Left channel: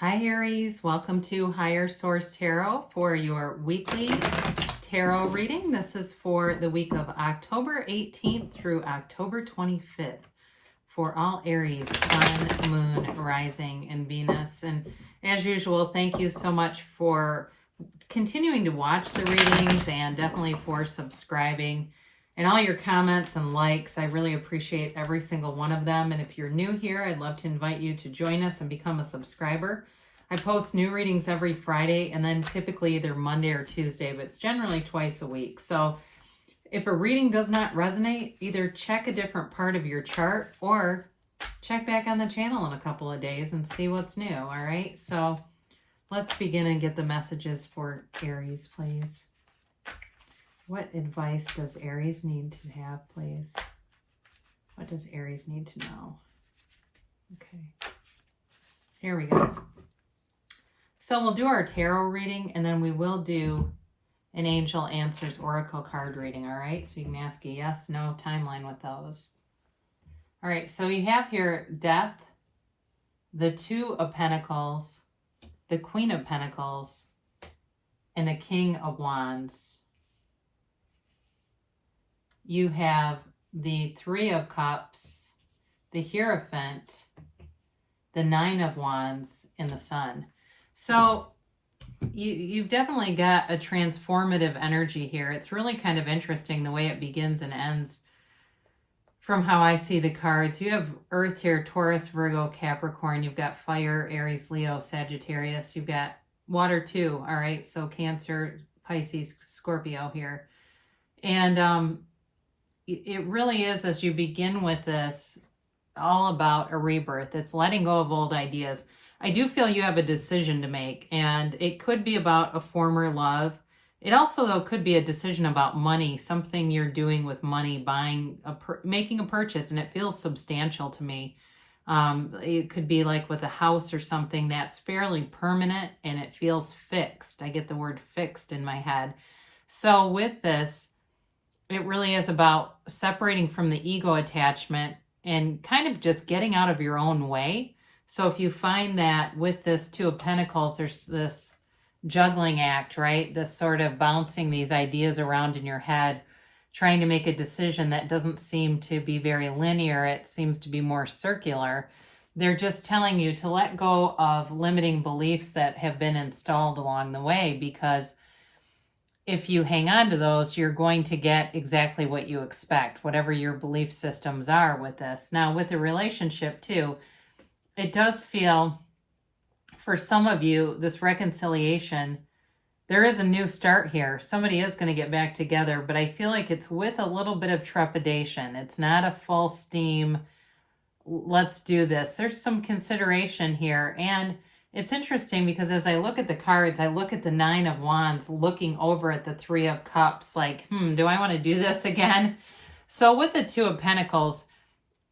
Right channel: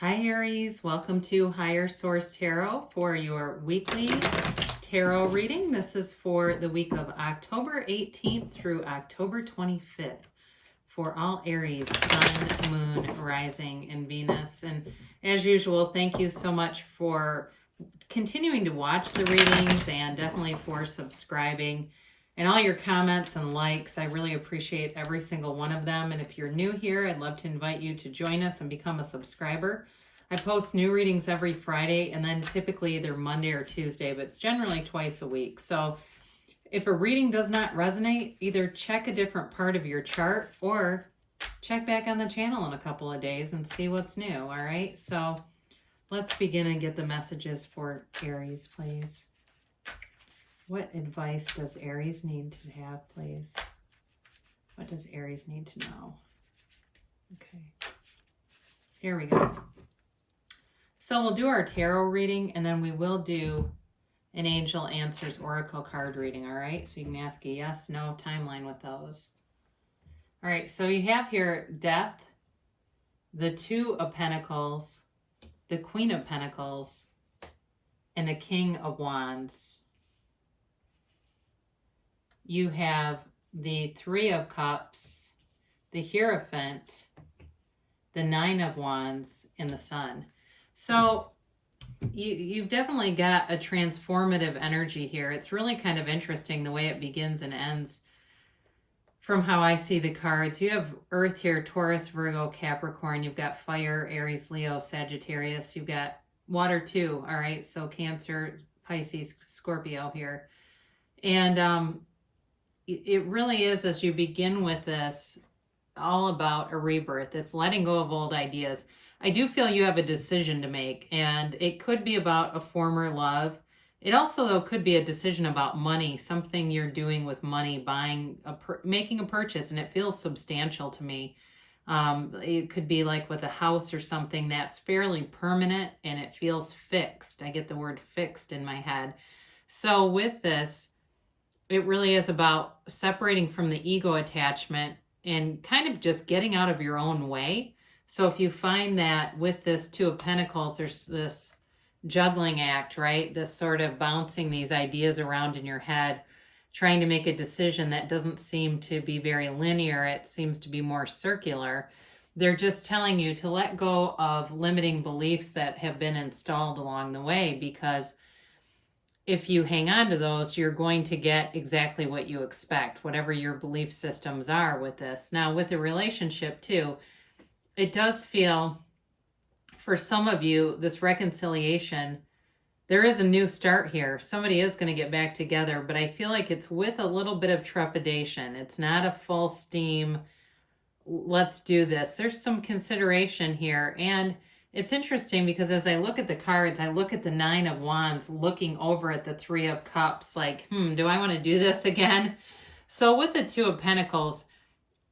Hi Aries, welcome to Higher Source Tarot for your weekly tarot reading. This is for the week of October 18th through October 25th for all Aries, Sun, Moon, Rising, and Venus. And as usual, thank you so much for continuing to watch the readings and definitely for subscribing and all your comments and likes. I really appreciate every single one of them. And if you're new here, I'd love to invite you to join us and become a subscriber. I post new readings every Friday and then typically either Monday or Tuesday, but it's generally twice a week. So if a reading does not resonate, either check a different part of your chart or check back on the channel in a couple of days and see what's new. All right, so let's begin and get the messages for Aries, please. What advice does Aries need to have, please? What does Aries need to know? Okay, here we go. So we'll do our tarot reading and then we will do an Angel Answers Oracle card reading, all right? So you can ask a yes, no timeline with those. All right, so you have here Death, the Two of Pentacles, the Queen of Pentacles, and the King of Wands. You have the Three of Cups, the Hierophant, the Nine of Wands, and the Sun. So you've definitely got a transformative energy here. It's really kind of interesting the way it begins and ends from how I see the cards. You have Earth here, Taurus, Virgo, Capricorn. You've got Fire, Aries, Leo, Sagittarius. You've got Water too, all right? So Cancer, Pisces, Scorpio here. And it really is, as you begin with this, all about a rebirth. It's letting go of old ideas. I do feel you have a decision to make, and it could be about a former love. It also, though, could be a decision about money, something you're doing with money, making a purchase, and it feels substantial to me. It could be like with a house or something that's fairly permanent and it feels fixed. I get the word fixed in my head. So with this, it really is about separating from the ego attachment and kind of just getting out of your own way. So if you find that with this Two of Pentacles, there's this juggling act, right? This sort of bouncing these ideas around in your head, trying to make a decision that doesn't seem to be very linear. It seems to be more circular. They're just telling you to let go of limiting beliefs that have been installed along the way, because if you hang on to those, you're going to get exactly what you expect, whatever your belief systems are with this. Now, with a relationship too, it does feel, for some of you, this reconciliation, there is a new start here. Somebody is going to get back together, but I feel like it's with a little bit of trepidation. It's not a full steam, let's do this. There's some consideration here. And it's interesting because as I look at the cards, I look at the Nine of Wands looking over at the Three of Cups like, do I want to do this again? So with the Two of Pentacles,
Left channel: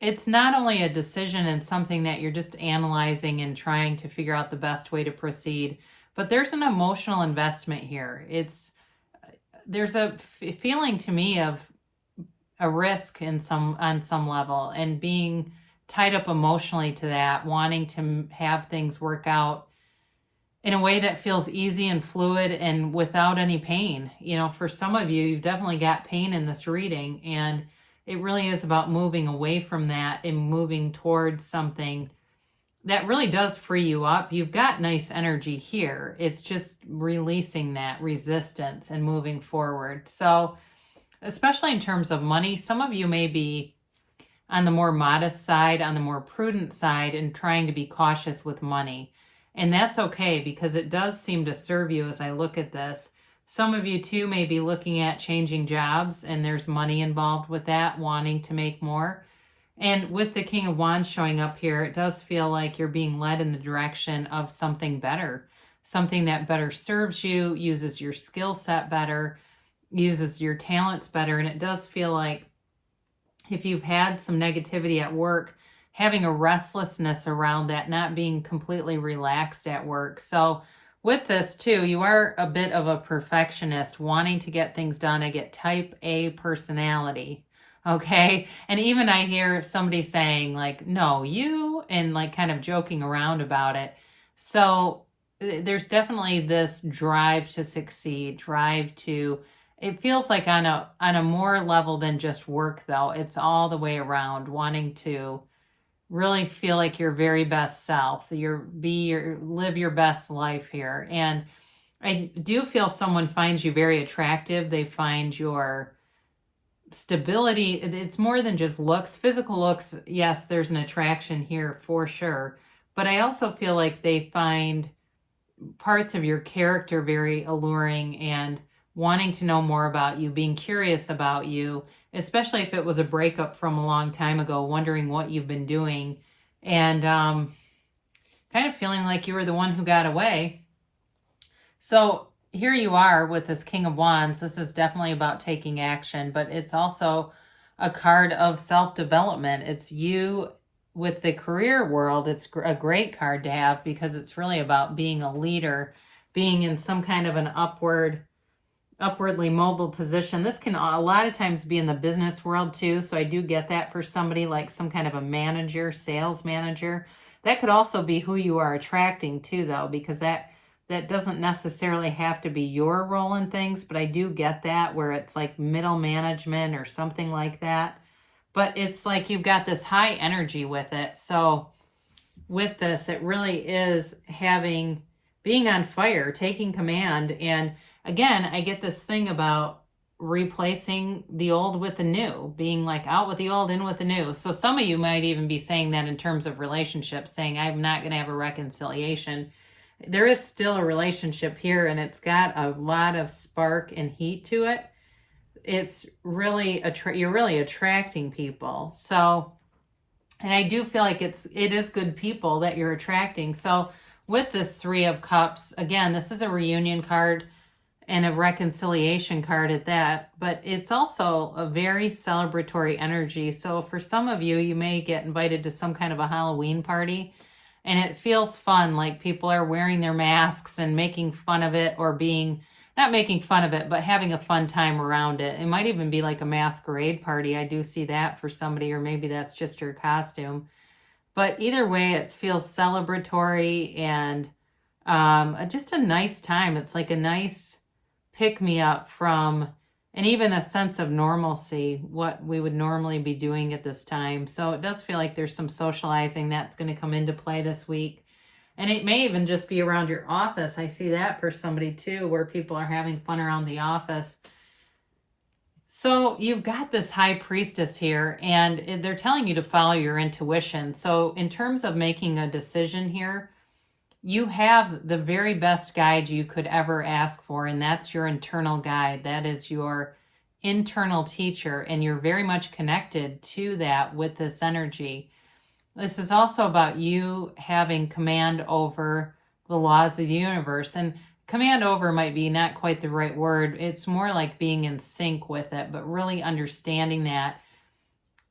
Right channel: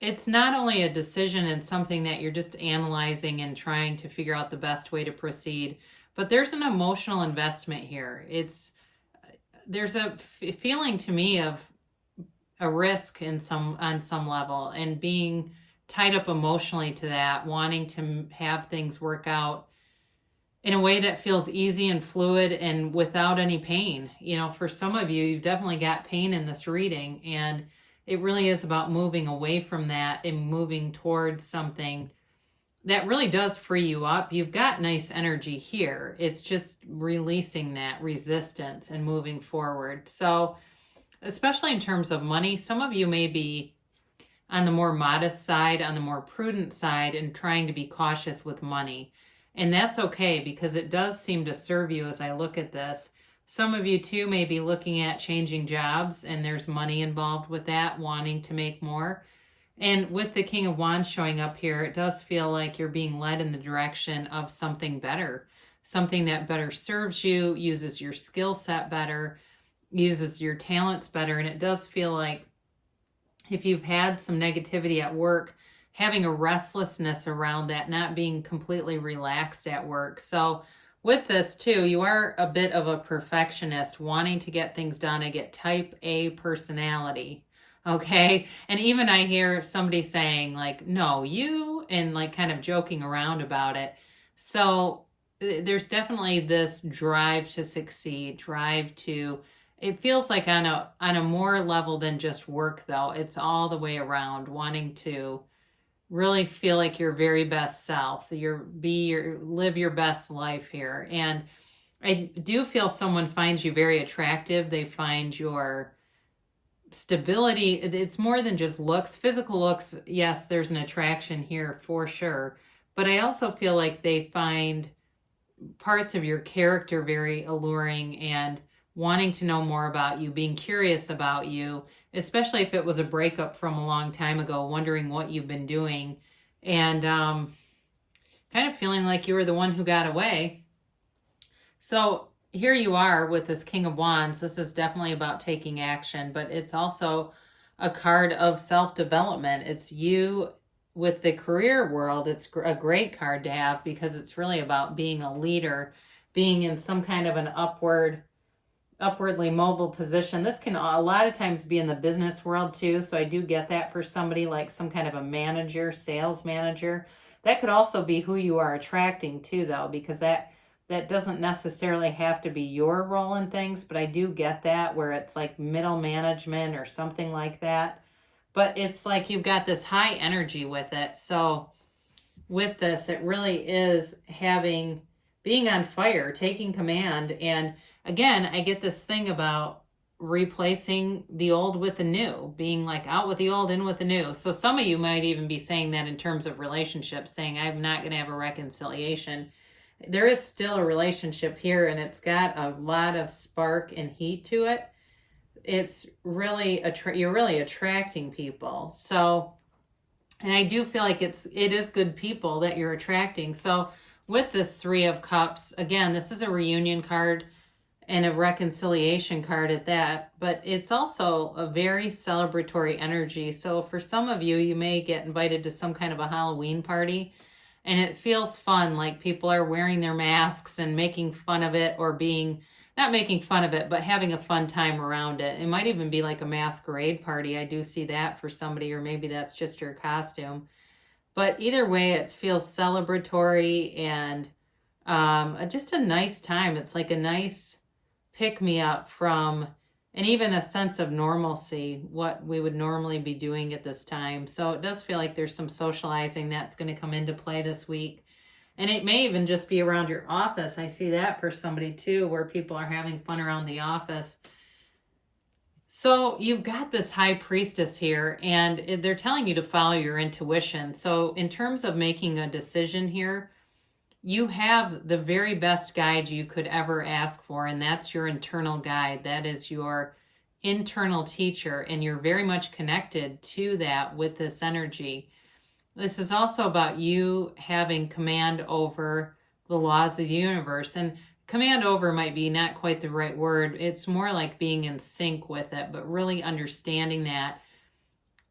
it's not only a decision and something that you're just analyzing and trying to figure out the best way to proceed, but there's an emotional investment here. There's a feeling to me of a risk on some level, and being tied up emotionally to that, wanting to have things work out in a way that feels easy and fluid and without any pain. You know, for some of you, you've definitely got pain in this reading, and it really is about moving away from that and moving towards something that really does free you up. You've got nice energy here. It's just releasing that resistance and moving forward. So, especially in terms of money, some of you may be on the more modest side, on the more prudent side, and trying to be cautious with money. And that's okay, because it does seem to serve you as I look at this. Some of you too may be looking at changing jobs, and there's money involved with that, wanting to make more. And with the King of Wands showing up here, it does feel like you're being led in the direction of something better, something that better serves you, uses your skill set better, uses your talents better. And it does feel like if you've had some negativity at work, having a restlessness around that, not being completely relaxed at work. So with this too, you are a bit of a perfectionist, wanting to get things done. I get type A personality, okay? And even I hear somebody saying like, no, you, and like kind of joking around about it. So there's definitely this drive to succeed, drive to, it feels like on a more level than just work though. It's all the way around, wanting to really feel like your very best self, live your best life here. And I do feel someone finds you very attractive. They find your stability. It's more than just looks. Physical looks, yes, there's an attraction here for sure. But I also feel like they find parts of your character very alluring and wanting to know more about you, being curious about you, especially if it was a breakup from a long time ago, wondering what you've been doing, and kind of feeling like you were the one who got away. So here you are with this King of Wands. This is definitely about taking action, but it's also a card of self-development. It's you with the career world. It's a great card to have because it's really about being a leader, being in some kind of an upwardly mobile position. This can a lot of times be in the business world too. So I do get that for somebody like some kind of a manager, sales manager. That could also be who you are attracting too, though, because that doesn't necessarily have to be your role in things, but I do get that where it's like middle management or something like that. But it's like you've got this high energy with it. So with this, it really is being on fire, taking command. And again, I get this thing about replacing the old with the new, being like out with the old, in with the new. So some of you might even be saying that in terms of relationships, saying, I'm not going to have a reconciliation. There is still a relationship here, and it's got a lot of spark and heat to it. It's really, you're really attracting people. So, and I do feel like it is good people that you're attracting. So with this Three of Cups, again, this is a reunion card and a reconciliation card at that, but it's also a very celebratory energy. So for some of you, you may get invited to some kind of a Halloween party, and it feels fun, like people are wearing their masks and making fun of it, or not making fun of it, but having a fun time around it. It might even be like a masquerade party. I do see that for somebody, or maybe that's just your costume. But either way, it feels celebratory and just a nice time. It's like a nice pick me up from, and even a sense of normalcy, what we would normally be doing at this time. So it does feel like there's some socializing that's going to come into play this week. And it may even just be around your office. I see that for somebody too, where people are having fun around the office. So you've got this High Priestess here, and they're telling you to follow your intuition. So in terms of making a decision here, you have the very best guide you could ever ask for, and that's your internal guide. That is your internal teacher, and you're very much connected to that with this energy. This is also about you having command over the laws of the universe. And command over might be not quite the right word. It's more like being in sync with it, but really understanding that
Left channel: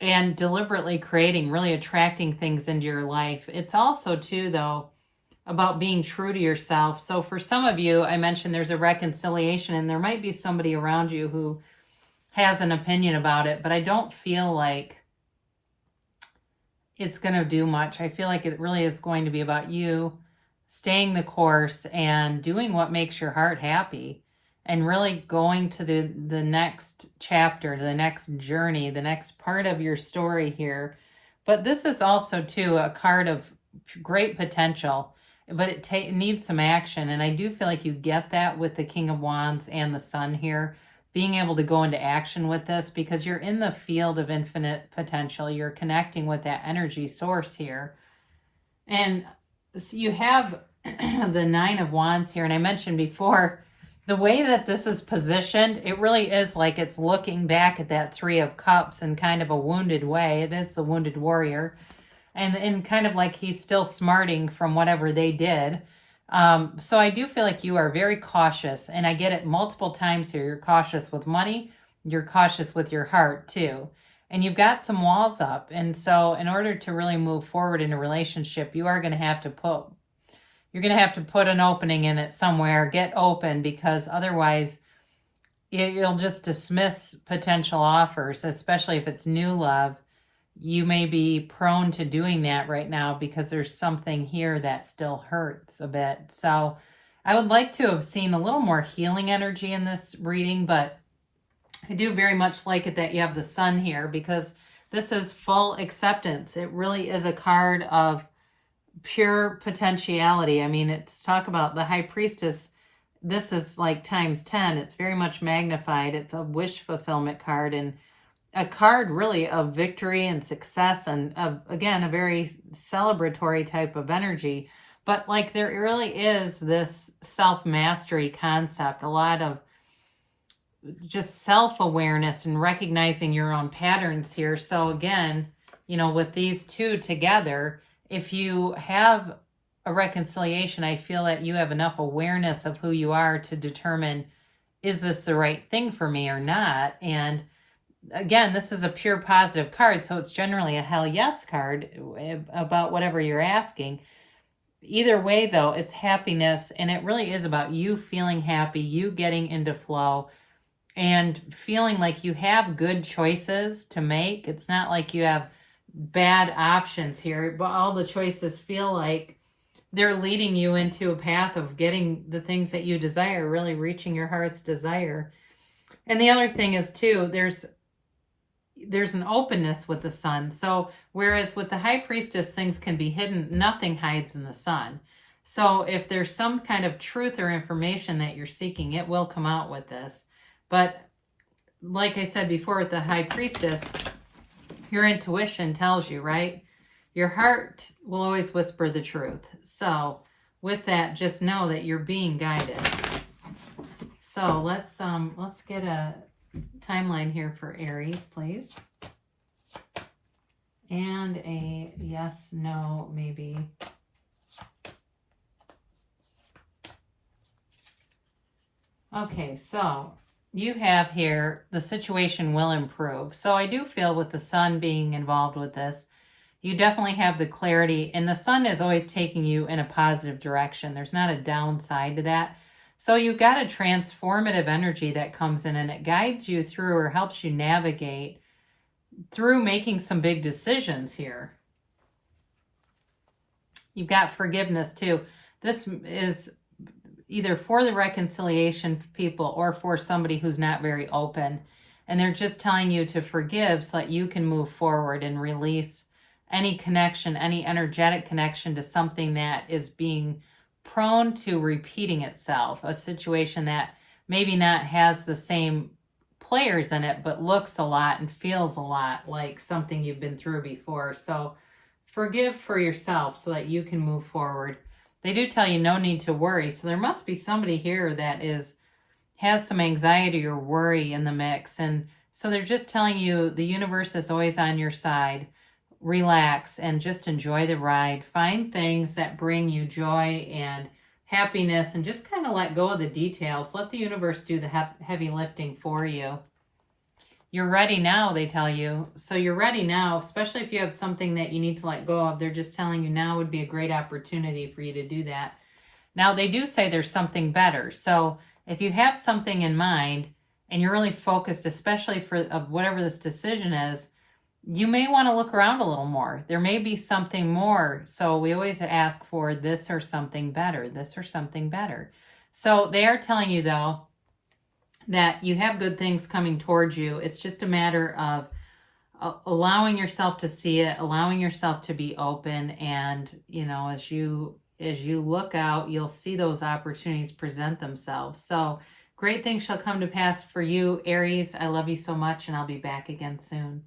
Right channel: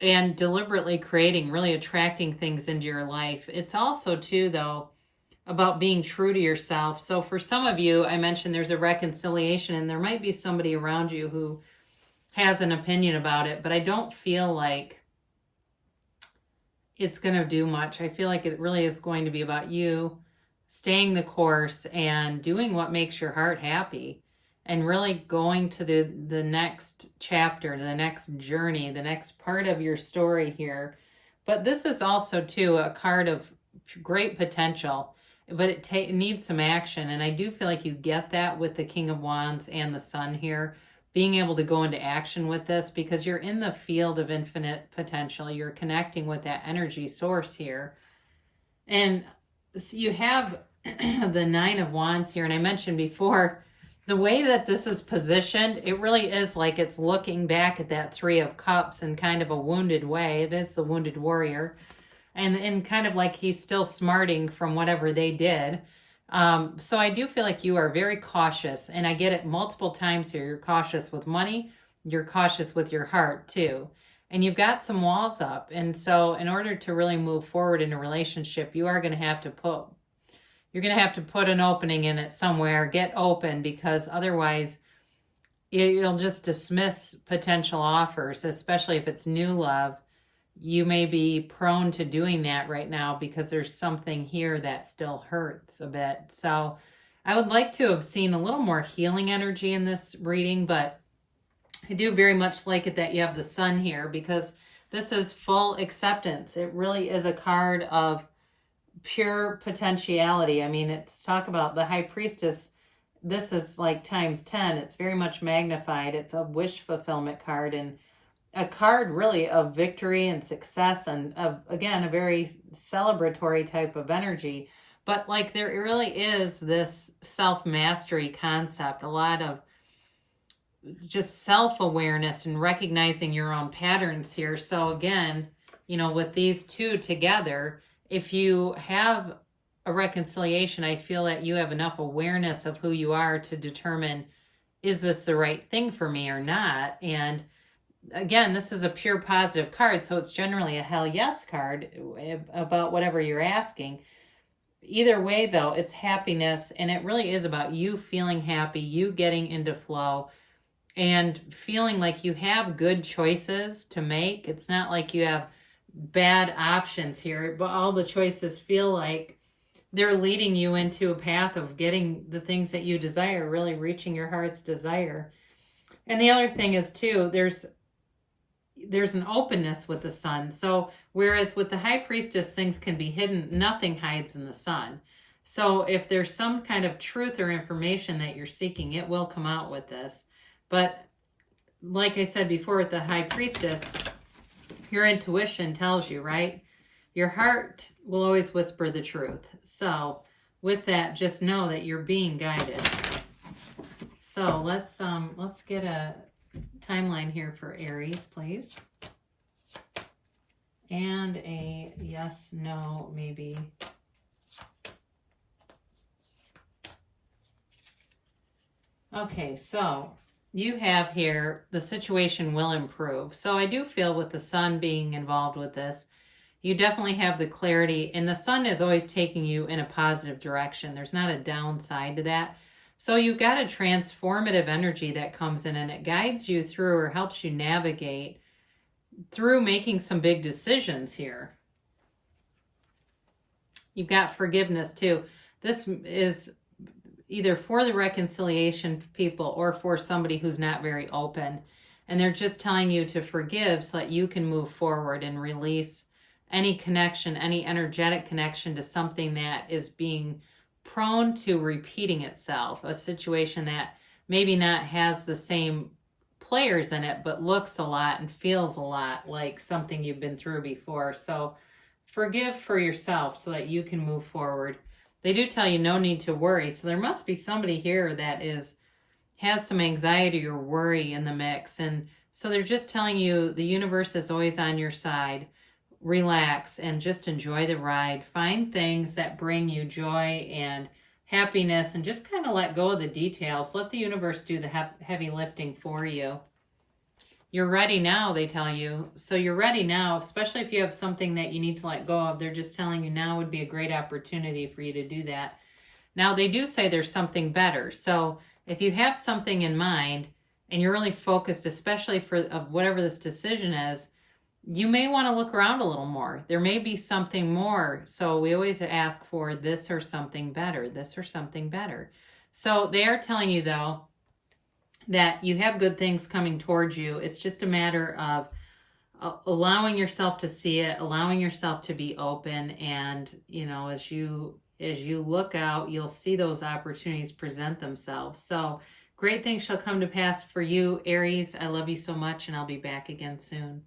and deliberately creating, really attracting things into your life. It's also too, though, about being true to yourself. So for some of you, I mentioned there's a reconciliation, and there might be somebody around you who has an opinion about it, but I don't feel like it's going to do much. I feel like it really is going to be about you staying the course and doing what makes your heart happy, and really going to the next chapter, the next journey, the next part of your story here. But this is also too a card of great potential, but it needs some action. And I do feel like you get that with the King of Wands and the Sun here, being able to go into action with this, because you're in the field of infinite potential. You're connecting with that energy source here. And so you have the Nine of Wands here. And I mentioned before, the way that this is positioned, it really is like it's looking back at that Three of Cups in kind of a wounded way. It is the wounded warrior. And kind of like he's still smarting from whatever they did. So I do feel like you are very cautious, and I get it multiple times here. You're cautious with money. You're cautious with your heart too. And you've got some walls up. And so in order to really move forward in a relationship, you are going to have to put an opening in it somewhere, get open, because otherwise you'll just dismiss potential offers, especially if it's new love. you may be prone to doing that right now because there's something here that still hurts a bit. So I would like to have seen a little more healing energy in this reading, but I do very much like it that you have the Sun here, because this is full acceptance. It really is a card of pure potentiality. I mean, it's talk about the High Priestess. This is like times 10. It's very much magnified. It's a wish fulfillment card, and a card really of victory and success, and of, again, a very celebratory type of energy. But like, there really is this self-mastery concept, a lot of just self-awareness and recognizing your own patterns here. So again, you know, with these two together, if you have a reconciliation, I feel that you have enough awareness of who you are to determine, is this the right thing for me or not? And again, this is a pure positive card, so it's generally a hell yes card about whatever you're asking. Either way, though, it's happiness, and it really is about you feeling happy, you getting into flow, and feeling like you have good choices to make. It's not like you have bad options here, but all the choices feel like they're leading you into a path of getting the things that you desire, really reaching your heart's desire. And the other thing is, too, there's an openness with the Sun. So whereas with the High Priestess, things can be hidden, nothing hides in the Sun. So if there's some kind of truth or information that you're seeking, it will come out with this. But like I said before with the High Priestess, your intuition tells you, right? Your heart will always whisper the truth. So with that, just know that you're being guided. So let's get a timeline here for Aries, please. And a yes, no, maybe. Okay, so you have here, the situation will improve. So I do feel with the Sun being involved with this, you definitely have the clarity, and the Sun is always taking you in a positive direction. There's not a downside to that. So you've got a transformative energy that comes in, and it guides you through, or helps you navigate through making some big decisions here. You've got forgiveness too. This is either for the reconciliation people or for somebody who's not very open. And they're just telling you to forgive so that you can move forward and release any connection, any energetic connection to something that is being prone to repeating itself. A situation that maybe not has the same players in it, but looks a lot and feels a lot like something you've been through before. So forgive for yourself so that you can move forward. They do tell you no need to worry. So there must be somebody here that has some anxiety or worry in the mix. And so they're just telling you the universe is always on your side. Relax and just enjoy the ride. Find things that bring you joy and happiness, and just kind of let go of the details. Let the universe do the heavy lifting for you. You're ready now, they tell you. So you're ready now, especially if you have something that you need to let go of. They're just telling you now would be a great opportunity for you to do that. Now, they do say there's something better. So if you have something in mind and you're really focused, especially for whatever this decision is, you may want to look around a little more. There may be something more. So we always ask for this or something better, this or something better. So they are telling you, though, that you have good things coming towards you. It's just a matter of allowing yourself to see it, allowing yourself to be open. And, you know, as you look out, you'll see those opportunities present themselves. So great things shall come to pass for you, Aries. I love you so much, and I'll be back again soon.